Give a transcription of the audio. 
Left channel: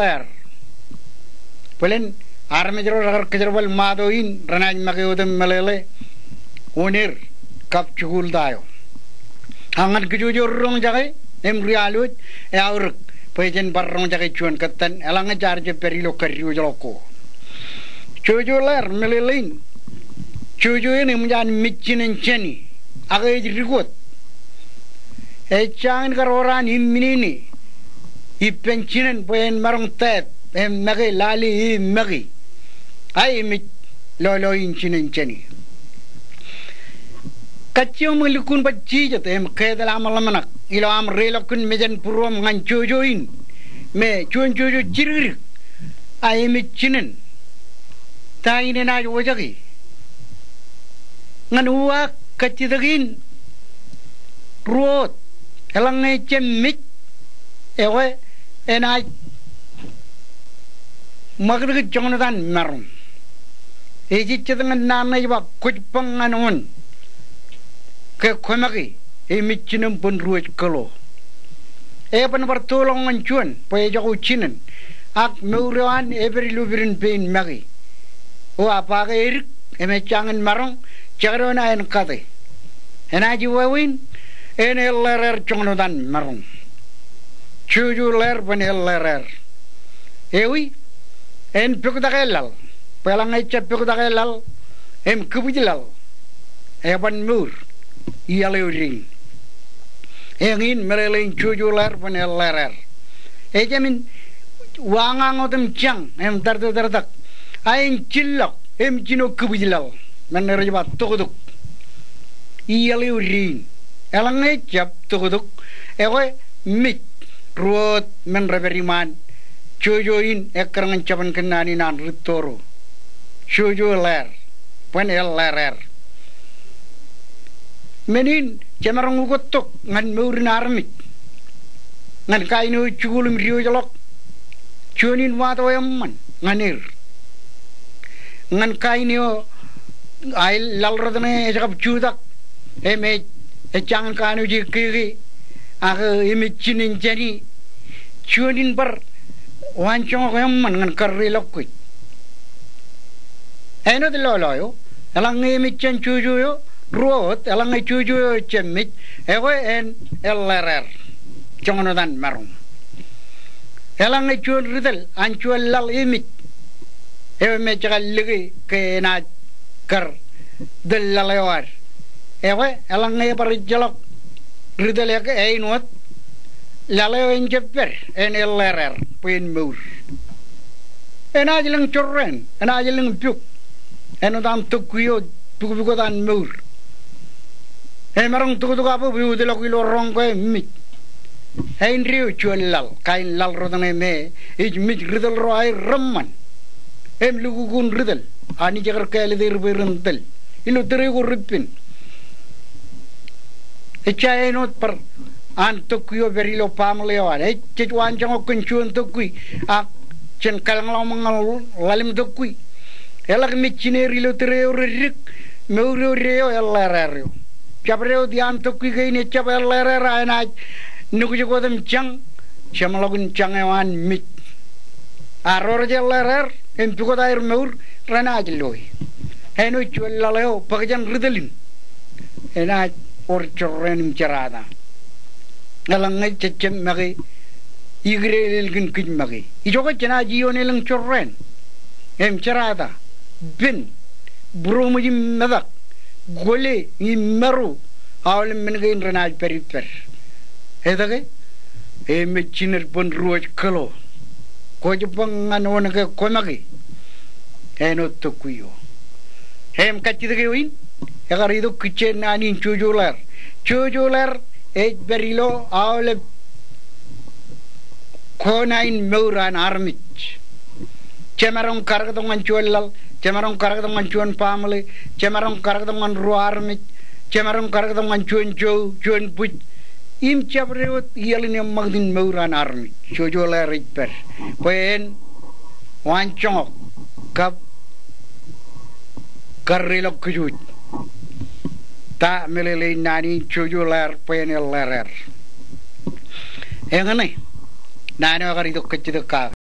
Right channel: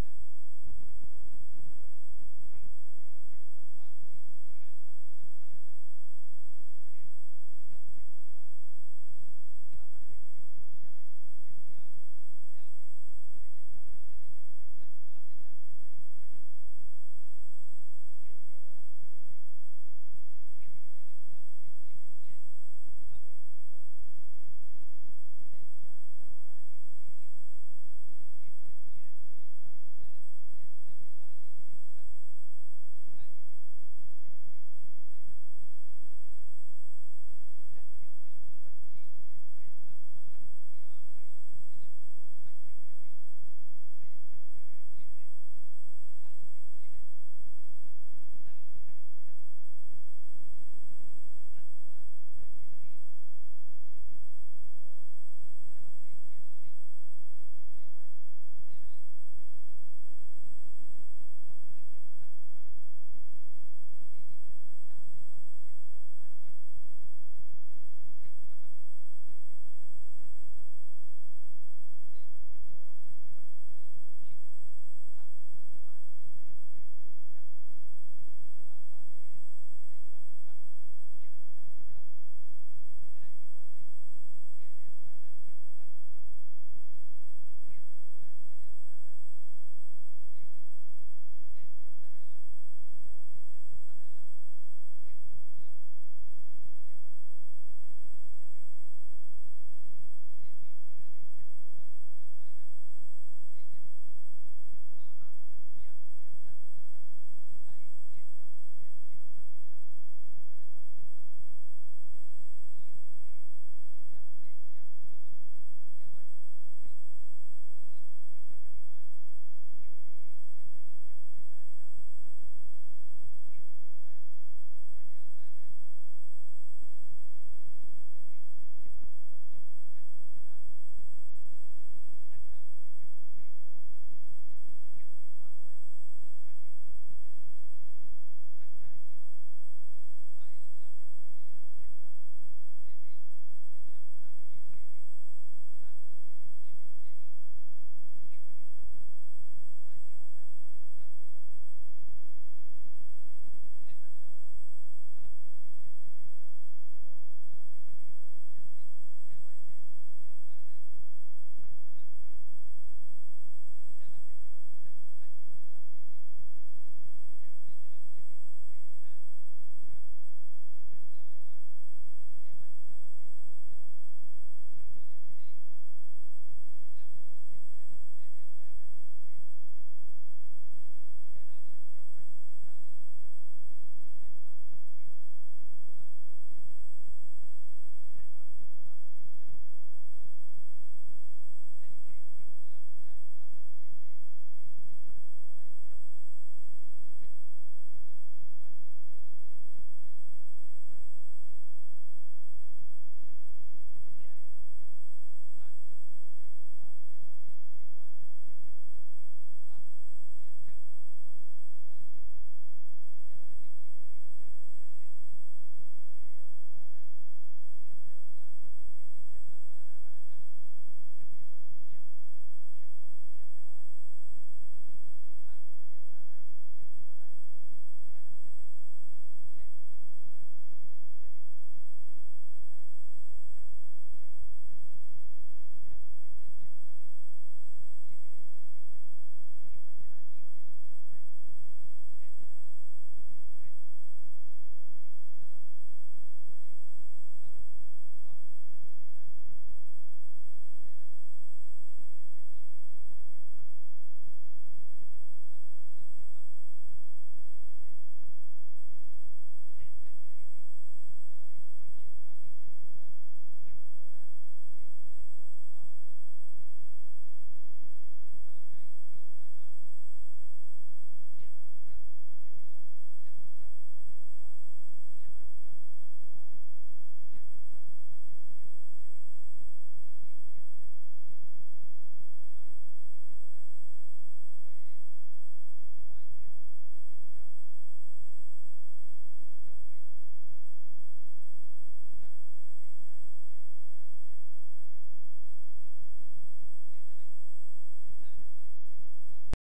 per Pulen armejero ragar kejerbal madoin ranaj magayodem malele onir kap chugul dayo angan kejujur rong jagai emrialut aur pejen barrong jagai cuan ketan elang jarje perilo keriu joloko cujuler melelin cuju ini menjan micinin ceni agai dirikut ecangin karoran imminini ipencinen poen marong tep magi lali magi ai mit lolo incinen ceni kaccio melikun bacci jate kedal amal manak ilo am relokun mejan purom ngan cujuin me cuan cuju jirir ai micinen taine na wajagi ngan uwa kaccidagin ruot elang cemmit ewe enai magrig jonathan marum eji cedangan nana iba kujpangan on ke komagi emicinem pun ruot kalo pan bertolongan cuan poe jago cinen ak meurewan every lubirin pain magi o apa ke erik emechangan marong chagrona en kade enaji wawin en ellerer jonathan marum chuju ler ben ellerer ewi en pukdagelal pelang echa pukdagelal em kubujilal eban mur ialeuring engin merelin chuju ler ben ellerer ejamin wangangotem chang em dardak ain chillok em jino kubujilal menerjebak tuguduk ialeuring elang echa tuguduk ewe mit ruot men reberiman cujuin ekerangan capan kenani nan ritoro cuju ler pen el lerer menin cemarang ugotok ngan meurin armit ngan kainu cugulum riu jalok cunin wato yamman nganir ngan kainu ail lalrodane jakap cudak eme ecangan kainu jikiri aga imicinin jani cunin bar wancong ko yamman ngan karri lokkuy eno de loloyo elang imicin cujuyo ruot elang cujuyo cemmit ewe en ellerer jongonodan marum elang cun ridel ancuel lal imit ewe me jagal ligi ke na kar del lalewar ewe elang par jalok ridel ya ke einot lalew en jepper en ellerer puin mur en ajeling chorren en ajeling puk en odam tukuyo tukugo dan mur en marang tukugo apu biu de lokilo rongko mit en riu chuelal kain lal rodane me ij mit ridel roai ramman em lugugun ridel ani jagar kele der berendel ilu terigo ripin echaenot par an tukuyo berilo pamlewan chitwan jango kunchun tukui ak chen kalang mangal lalim tukui elak michine rilo tereo rik meuro reo ellerer chabreo dian tukui gaine chabel lerer ana nugu godem chang chamalogun changewan mit aror jellerer en tugodair meur ranajloi heno chulaleo pagjan ridelin ena or chorrenim charada nalang cecem magi igrelil gin kin magi ijoga jana jionelang chorren em charada bin bromujim madak gole imeru awle mengain renal periper edage em chiner pon ruoj kalo kojupang anon ke komagi eno tokuyo em kachidage win egarido kichen anin chujular berilo awle konain meuran armit cemarong kargadongan chuelal cemarong kargadongan chuan pamle cemarong kargadongan ru armit cemarong kargadongan chuan puj im chabrewot yeline magdin meuran armit chujola ritper poen wancong kap karrilok kujut ta melele nani chujular penel lerer engane nani agari to kecide ka